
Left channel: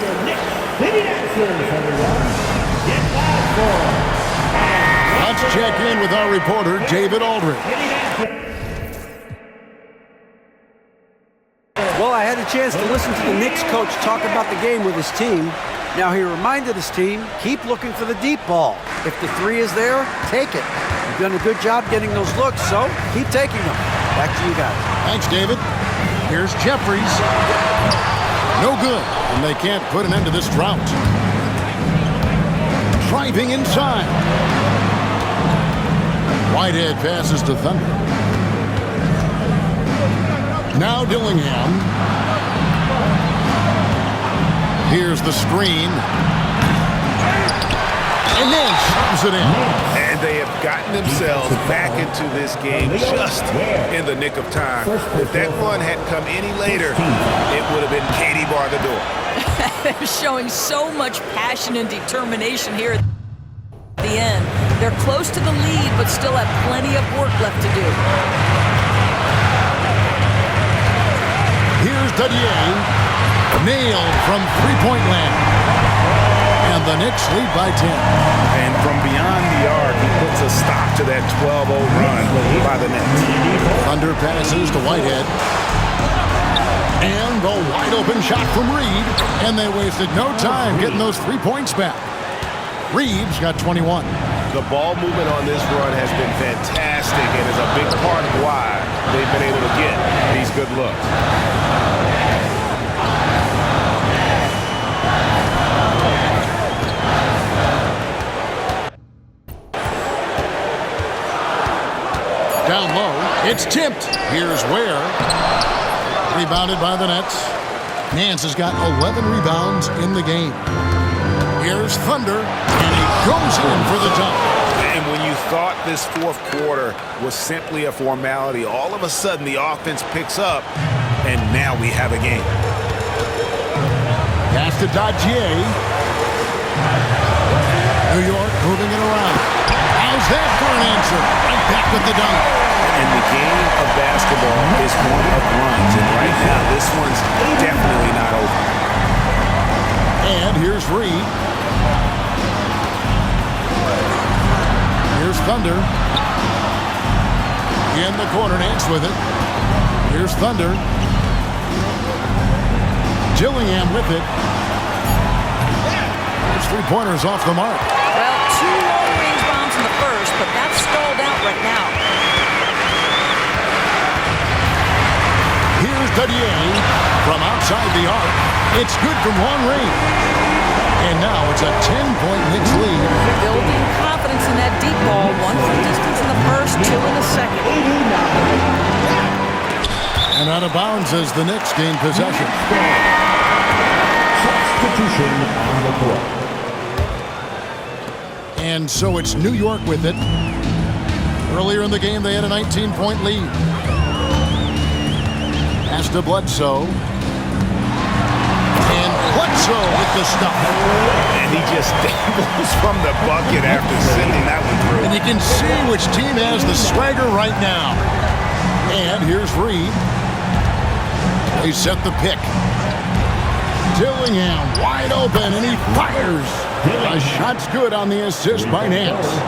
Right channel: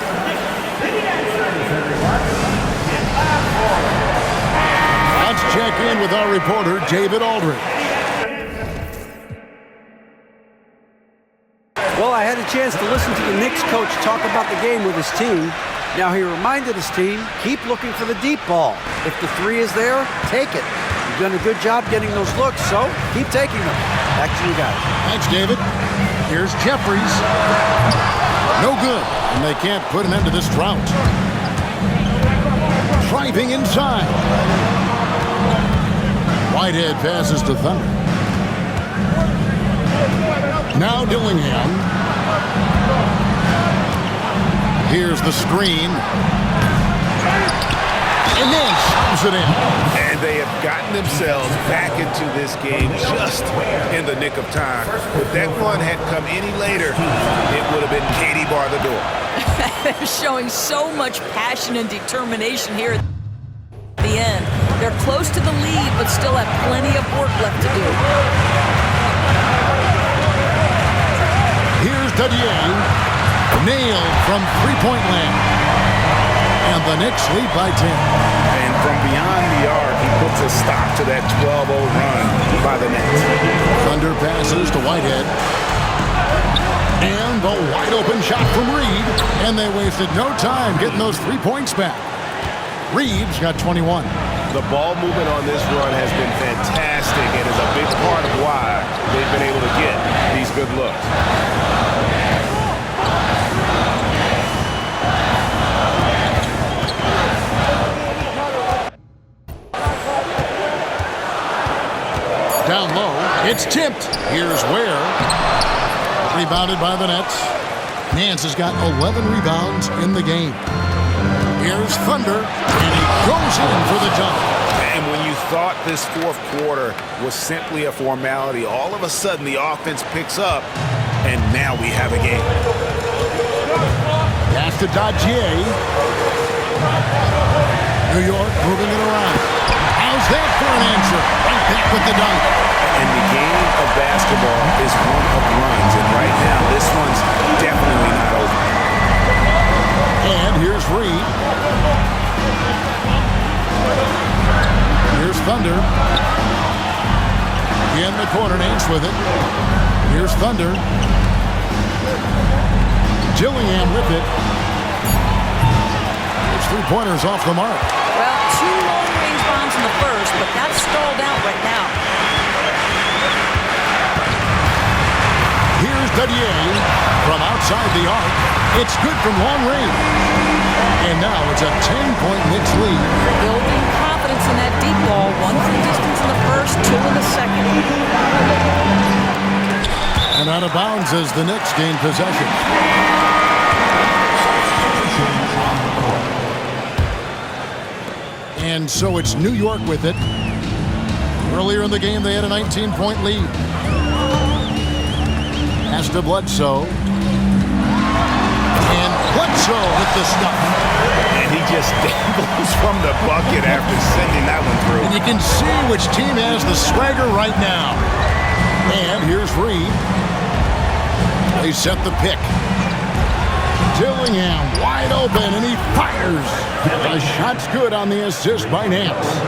Let's check in with our reporter, David Aldridge. Well, I had a chance to listen to the Knicks coach talk about the game with his team. Now, he reminded his team, keep looking for the deep ball. If the three is there, take it. You've done a good job getting those looks, so keep taking them. Back to you guys. Thanks, David. Here's Jeffries. No good, and they can't put an end to this drought. Driving inside. Whitehead passes to Thunder. Now Dillingham. Here's the screen. And then shoves it in. And they have gotten themselves back into this game just in the nick of time. If that one had come any later, it would have been Katie bar the door. They're showing so much passion and determination here at the end. They're close to the lead, but still have plenty of work left to do. Here's Dadier. Nailed from three-point land. And the Knicks lead by 10. And from beyond the arc, he puts a stop to that 12-0 run by the Nets. Thunder passes to Whitehead. And the wide-open shot from Reed. And they wasted no time getting those 3 points back. Reeves got 21. The ball movement on this run has been fantastic and is a big part of why they've been able to get these good looks. Down low, it's tipped. Here's Ware. Rebounded by the Nets. Nance has got 11 rebounds in the game. Here's Thunder, and he goes in for the dunk. And when you thought this fourth quarter was simply a formality, all of a sudden the offense picks up, and now we have a game. Pass to Dadier. New York moving it around. How's that for an answer? Right back with the dunk. And the game of basketball is one of runs, and right now this one's definitely not over. And here's Reed. Here's Thunder. In the corner, Nance with it. Here's Thunder. Dillingham with it. It's three-pointers off the mark. Well, 2 long-range bombs in the first, but that's stalled out right now. Here's Dadier from outside the arc. It's good from long range. And now it's a 10-point Knicks lead. Building confidence in that deep ball. 1 from distance in the first, 2 in the second. And out of bounds as the Knicks gain possession. And so it's New York with it. Earlier in the game, they had a 19-point lead. Pass to Bledsoe. And Bledsoe with the stuff. And he just dangles from the bucket after sending that one through. And you can see which team has the swagger right now. And here's Reed. They set the pick. Dillingham wide open, and he fires. The shot's good on the assist by Nance.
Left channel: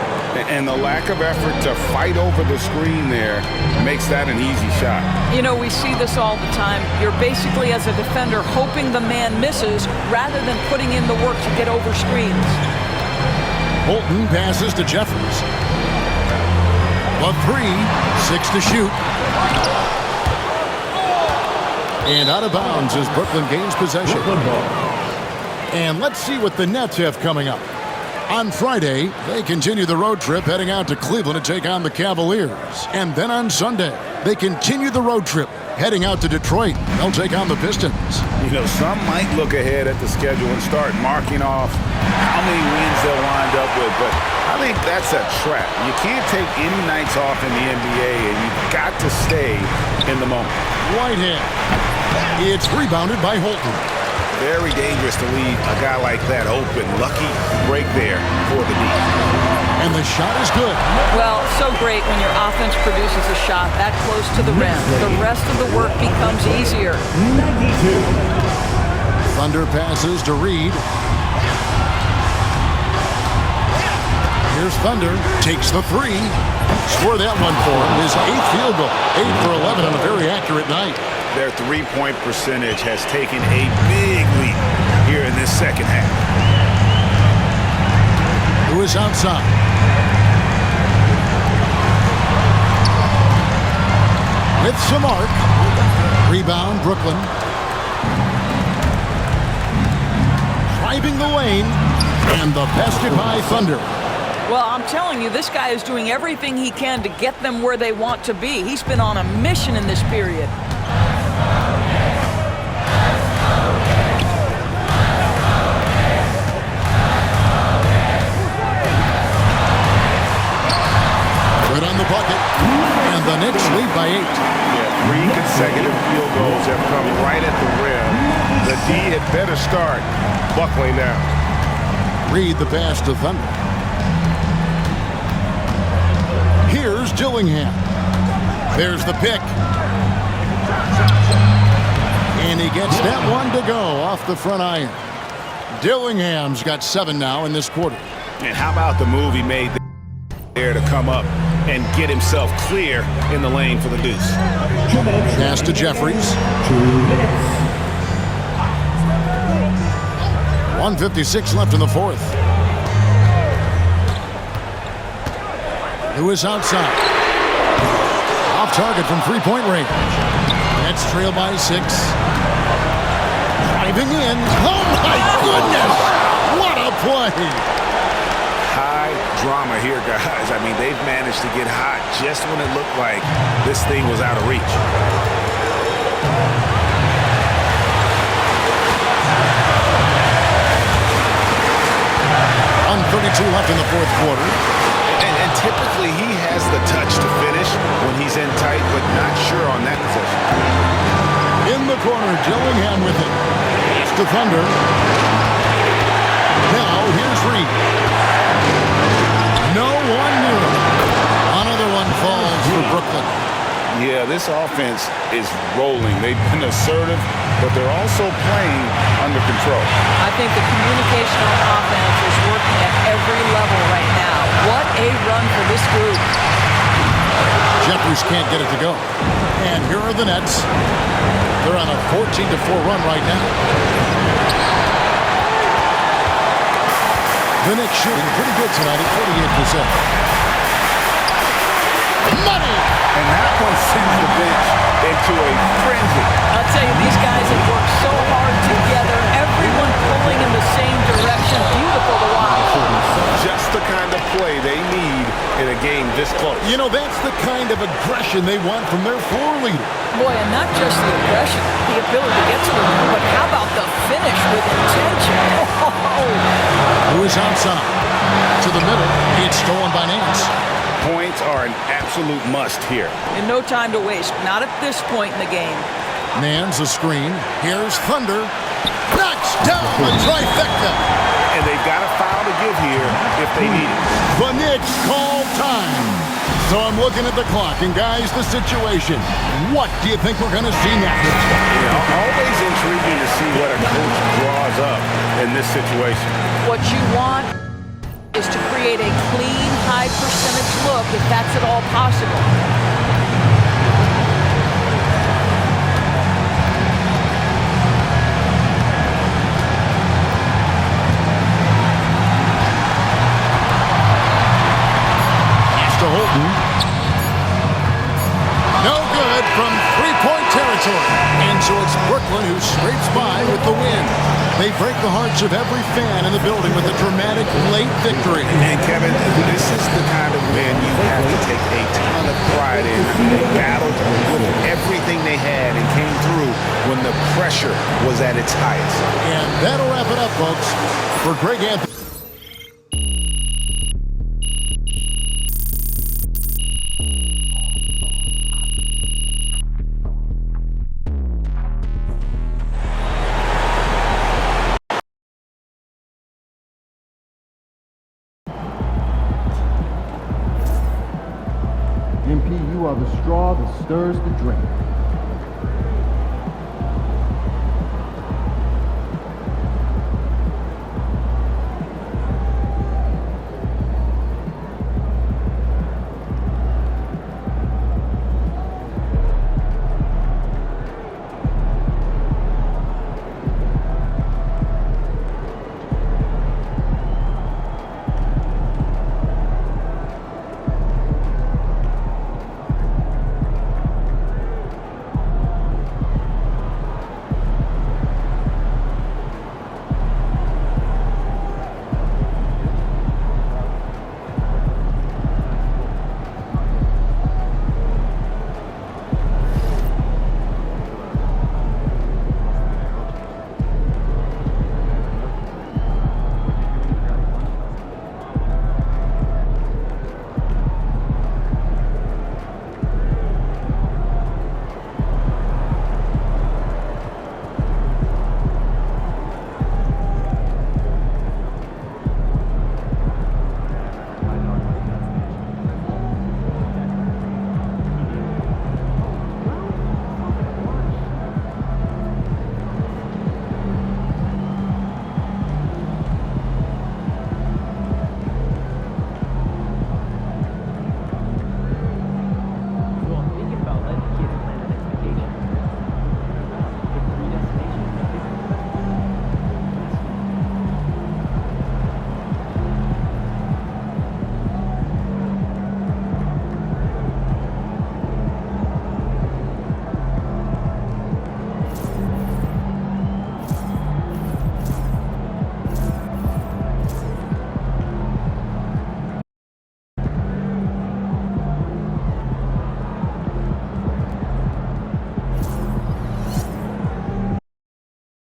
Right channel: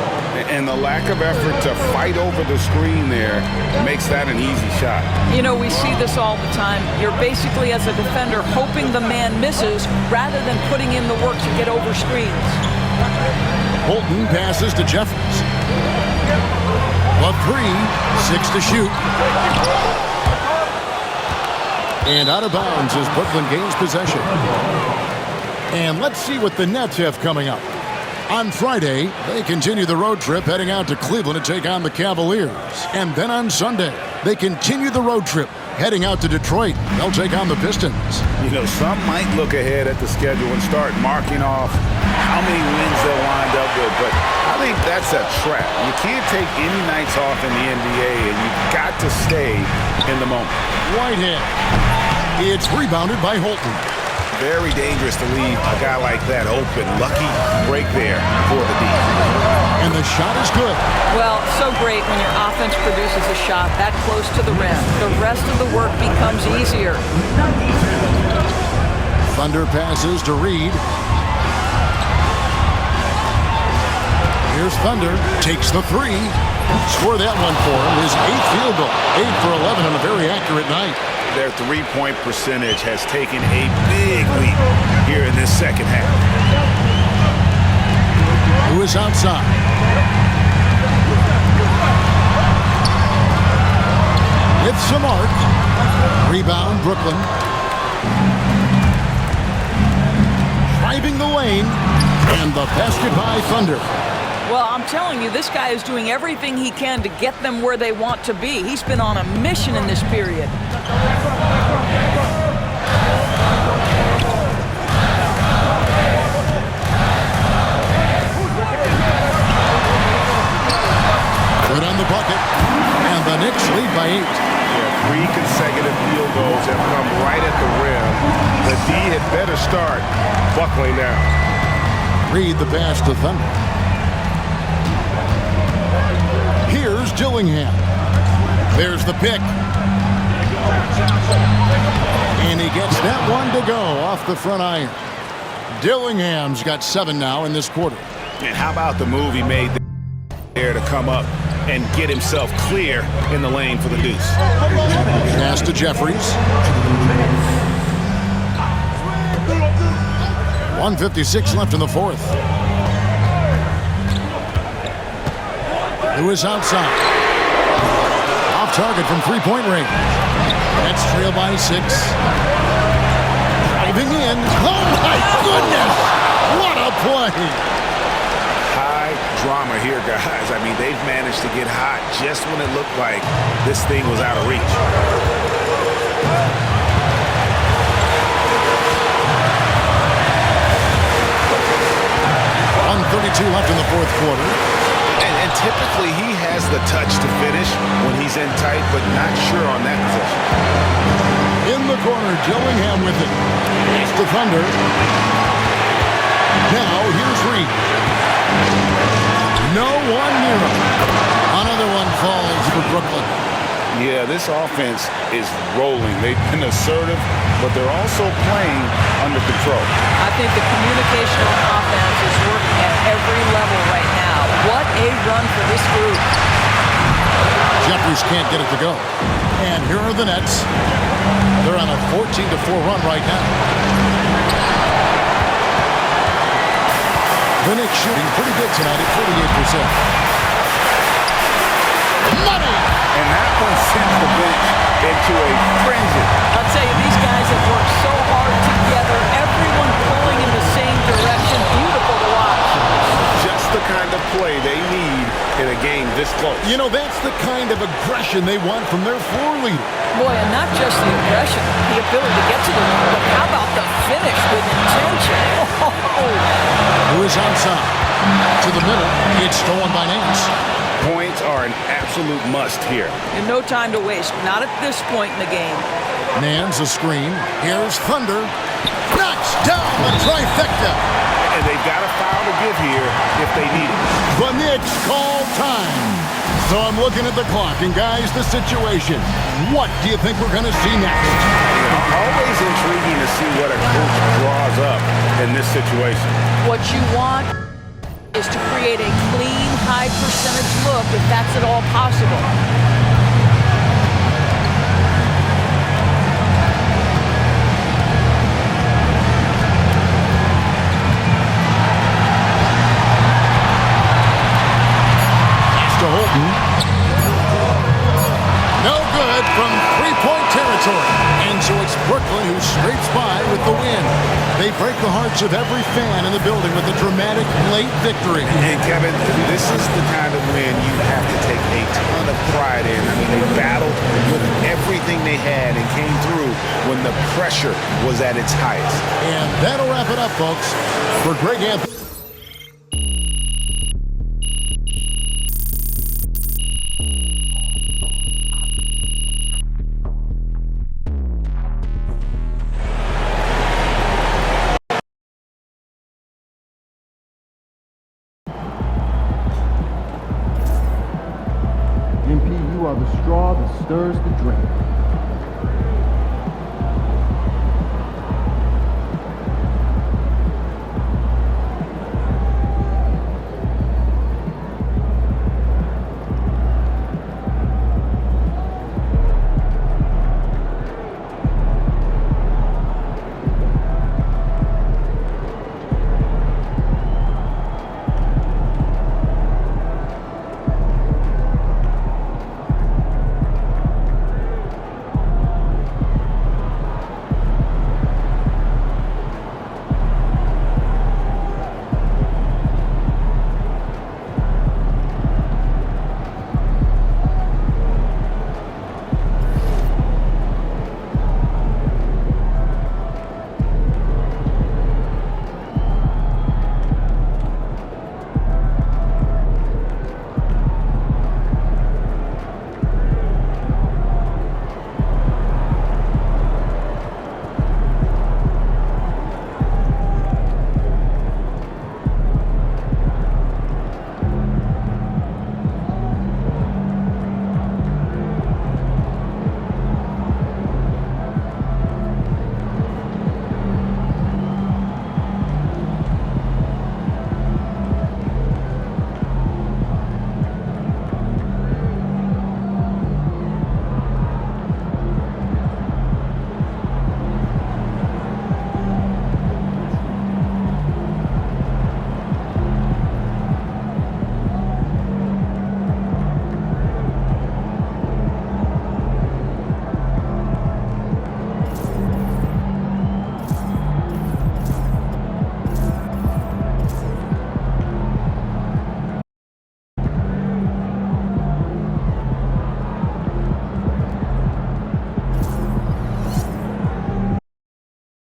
And the lack of effort to fight over the screen there makes that an easy shot. You know, we see this all the time. You're basically, as a defender, hoping the man misses rather than putting in the work to get over screens. Bolton passes to Jeffries. The 3, 6 to shoot. And out of bounds as Brooklyn gains possession. And let's see what the Nets have coming up. On Friday, they continue the road trip heading out to Cleveland to take on the Cavaliers. And then on Sunday, they continue the road trip heading out to Detroit. They'll take on the Pistons. You know, some might look ahead at the schedule and start marking off how many wins they'll wind up with, but I think that's a trap. You can't take any nights off in the NBA, and you've got to stay in the moment. Whitehead. It's rebounded by Holton. Very dangerous to leave a guy like that open. Lucky break there for the D. And the shot is good. Well, so great when your offense produces a shot that close to the rim. The rest of the work becomes easier. 92. Thunder passes to Reed. Here's Thunder. Takes the three. Score that one for him. His 8th field goal. 8 for 11 on a very accurate night. Their three-point percentage has taken a big leap here in this second half. Who is outside? With some arc. Rebound, Brooklyn. Driving the lane. And the basket by Thunder. Well, I'm telling you, this guy is doing everything he can to get them where they want to be. He's been on a mission in this period. Good on the bucket. And the Knicks lead by 8. Yeah, 3 consecutive field goals have come right at the rim. The D had better start buckling down. Reed the pass to Thunder. Here's Dillingham. There's the pick. And he gets that one to go off the front iron. Dillingham's got 7 now in this quarter. And how about the move he made there to come up and get himself clear in the lane for the deuce? Pass to Jeffries. 1:56 left in the fourth. Lewis outside. Off target from three-point range. Nets trail by 6. Driving in. Oh my goodness! What a play! High drama here, guys. I mean, they've managed to get hot just when it looked like this thing was out of reach. 1:32 left in the fourth quarter. And typically he has the touch to finish when he's in tight, but not sure on that possession. In the corner, Dillingham with it. Pass to Thunder. Now here's Reed. No one near him. Another one falls for Brooklyn. Yeah, this offense is rolling. They've been assertive, but they're also playing under control. I think the communication on offense is working at every level right now. What a run for this group. Jeffries can't get it to go. And here are the Nets. They're on a 14-4 run right now. The Knicks shooting pretty good tonight at 48%. Money! And that one sends the bench into a frenzy. I'll tell you, these guys have worked so hard together. Everyone pulling in the same direction. Beautiful to watch. Just the kind of play they need in a game this close. You know, that's the kind of aggression they want from their floor leader. Boy, and not just the aggression, the ability to get to the rim, but how about the finish with intention? Who is outside? To the middle. It's stolen by Nance. Points are an absolute must here. And no time to waste. Not at this point in the game. Nance a screen. Here's Thunder. Knocks down the trifecta. And they've got a foul to give here if they need it. The Knicks call time. So I'm looking at the clock, and guys, the situation. What do you think we're going to see next? Always intriguing to see what a coach draws up in this situation. What you want is to create a clean, high percentage look if that's at all possible. To Holton. No good from three-point territory. And so it's Brooklyn who scrapes by with the win. They break the hearts of every fan in the building with a dramatic late victory. And Kevin, this is the kind of win you have to take a ton of pride in. I mean, they battled with everything they had and came through when the pressure was at its highest. And that'll wrap it up, folks. For Greg Anthony. are the straw that stirs the drink.